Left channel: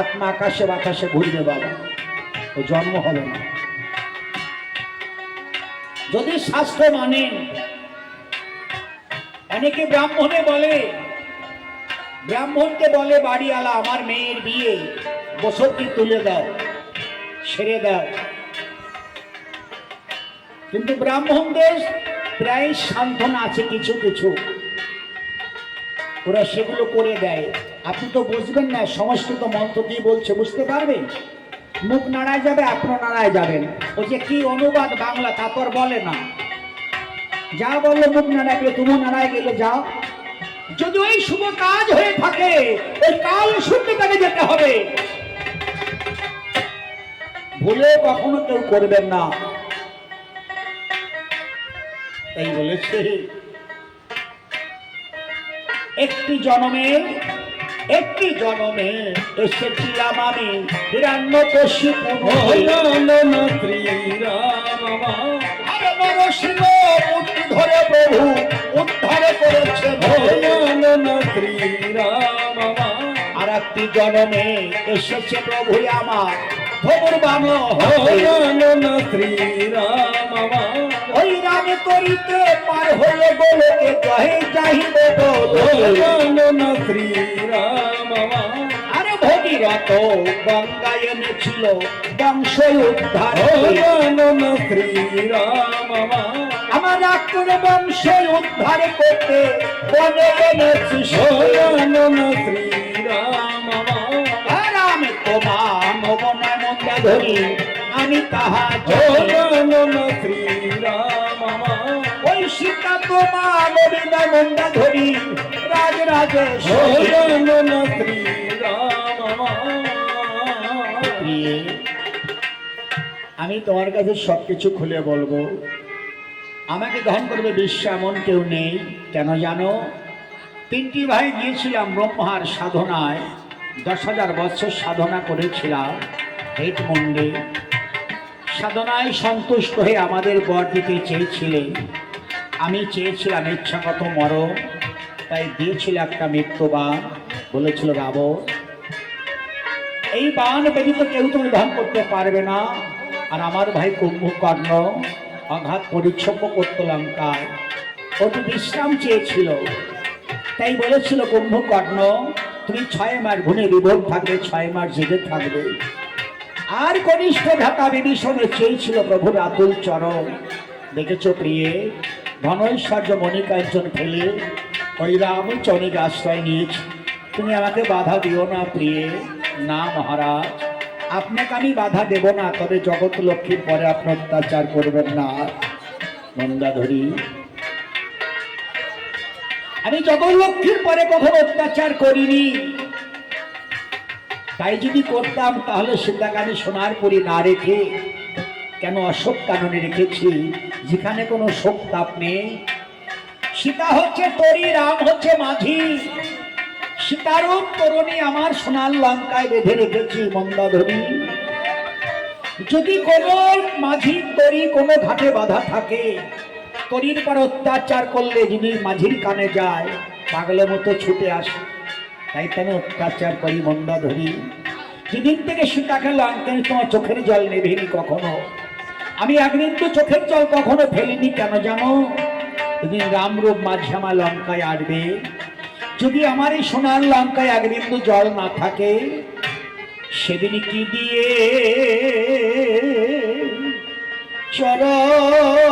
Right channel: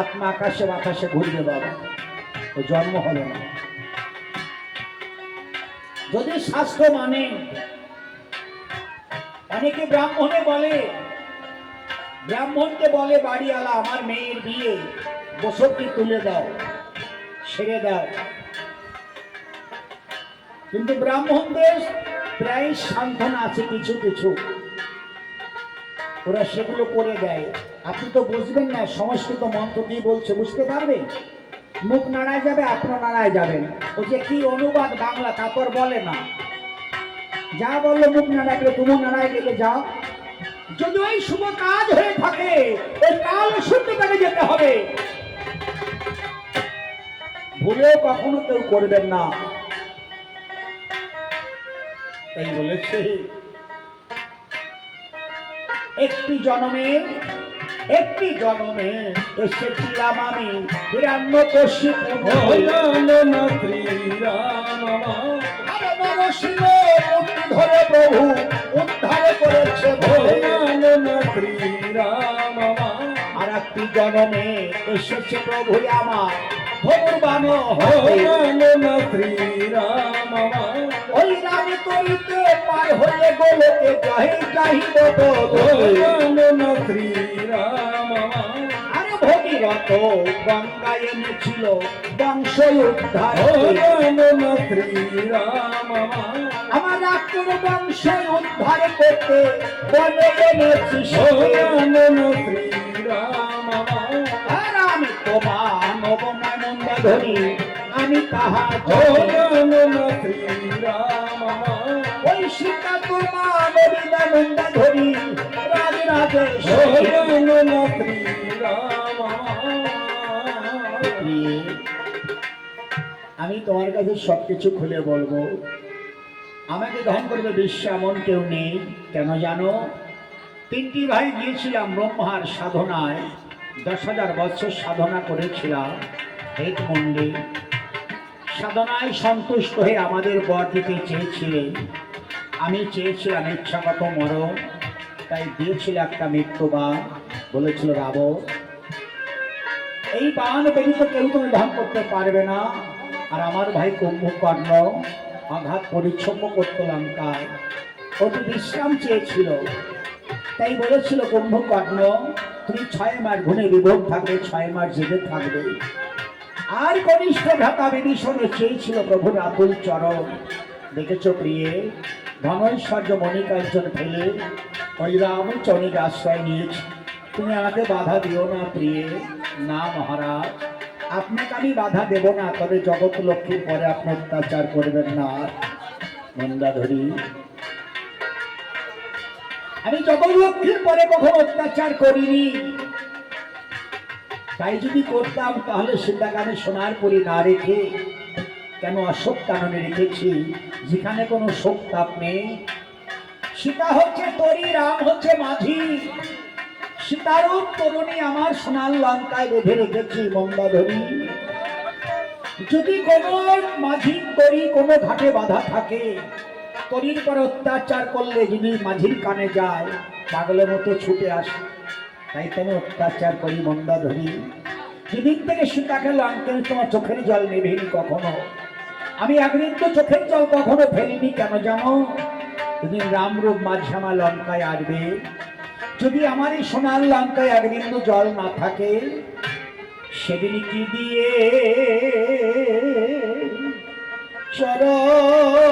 আত্মা আকাশে বাতাসে ঘুরবে বাবা, ও জন্ম হবে না। যদি শাস্ত্র মানে, অনেকে ব্রাহ্মণে বলে, ব্রাহ্মণকে বলে বাড়িওয়ালা আমার মেয়ের বিয়ে বছরটি তুলে দাও, সেরে দাও। কিন্তু ব্রাহ্মণদের প্রায় সান্ত্বনা আছে কিছু কিছু, ওরা সেগুলো করে দেয়। আপনি তো বুঝবেন না, সংস্কৃত মন্ত্র দিয়ে বলছে, বুঝতে পারবেন? মুখ নাড়ায় যাবে, আপনার নাড়ায় যাবেন। ওই যে কি অনুবাদ বাংলা তা তো আর বলে না, যা বললো মুখ নাড়ায় গেলে তুমি নাড়ায় গেলে যাও। যদি ওই শুভ কাজ হয়ে থাকে ওই কাল শুনতে তাকে যেতে হবে, ভুলে কখনো কেউ করবেন না। এই বলেছে একটি জন্মে এসেছিলাম আমি হিরণ্যকশিপু ধরে প্রভু উদ্ধারে করেছে। আর একটি জন্মে এসেছে প্রভু আমার ধনুর্বাণ শ্রীরাম, ওই রাম করিতে পার হয়ে গোলকে জয় চাহিব শ্রীরাম। আরে ভগীরথ গঙ্গায় এনেছিল বংশ উদ্ধার শ্রীরাম, আমার আকুর বংশ উদ্ধার করতে বনে এনেছি শ্রীরাম। রাম তোমার নবনা মন্দা ধরি আমি তাহা শ্রীরাম, ওই সীতা তোমার নবীনা মন্দা ধরি রাজ রাজেশ শ্রীরাম। আমি তোমার কাছে সবকিছু খুলে বলবো, আমাকে ধ্যান করবে বিশ্ব এমন কেউ নেই। কেন জানো? তিনটি ভাই গিয়েছিলাম ব্রহ্মার সাধনায়, 10,000 বছর সাধনা করেছিলাম হেট মন্ডে। সাধনায় সন্তুষ্ট হয়ে আমাদের বর দিতে চেয়েছিলেন, আমি চেয়েছিলাম ইচ্ছাগত মরণ, তাই দিয়েছিল একটা মৃত্যু বাণ, বলেছিল রাবণ এই বাণ ব্যতীত কেউ তুমি ধান করতে পারবে না। আর আমার ভাই কুম্ভকর্ণ আঘাত পরিচ্ছন্ন করতে লঙ্কায়, ওটি বিশ্রাম চেয়েছিল, তাই বলেছিল কুম্ভকর্ণ তুমি 6 মাস ঘুমে বিভোর থাকবে, 6 মাস জেগে থাকবে। আর কনিষ্ঠ ঢাকা বিভীষণে চেয়েছিল প্রভুর আকুল চরণ। দেখেছ প্রিয়ে, ধনৈশ্বর্য মণিকাঞ্চন ফেলে ওই রামচরণের আশ্রয় নিয়েছি। তুমি আমাকে বাধা দিও না প্রিয়ে। না মহারাজ, আপনাকে আমি বাধা দেব না, তবে জগৎ লক্ষ্মীর পরে আপনি অত্যাচার করবেন না। মন্দাধরী, আমি জগৎ লক্ষ্মীর পরে কখনো অত্যাচার করিনি, তাই যদি করতাম তাহলে সীতাকে আমি সোনার পুরী না রেখে কেন অশোক কাননে রেখেছি, যেখানে কোনো শোক তাপ নেই। সীতা হচ্ছে তরী, রাম হচ্ছে মাঝি, সীতারূপ তরুণী আমার সোনার লঙ্কায় বেঁধে রেখেছি। মন্দাধরী, যদি কোনো মাঝি তরী কোনো ঘাটে বাধা থাকে, তরীর পর অত্যাচার করলে যদি মাঝির কানে যায় পাগলের মতো ছুটে আসে, তাই তো আমি অত্যাচার করি। মন্দাধরী, যেদিন থেকে সীতাকে লঙ্কায় তোমার চোখের জল নেভেনি কখনো, আমি একদিন তো চোখের জল কখনো ফেলিনি। কেন জানো? যেদিন রামরূপ মাঝি আমার লঙ্কায় আসবে, যদি আমার এই সোনার লঙ্কায় এক বিন্দু জল না থাকে, সেদিন কি দিয়ে চরণ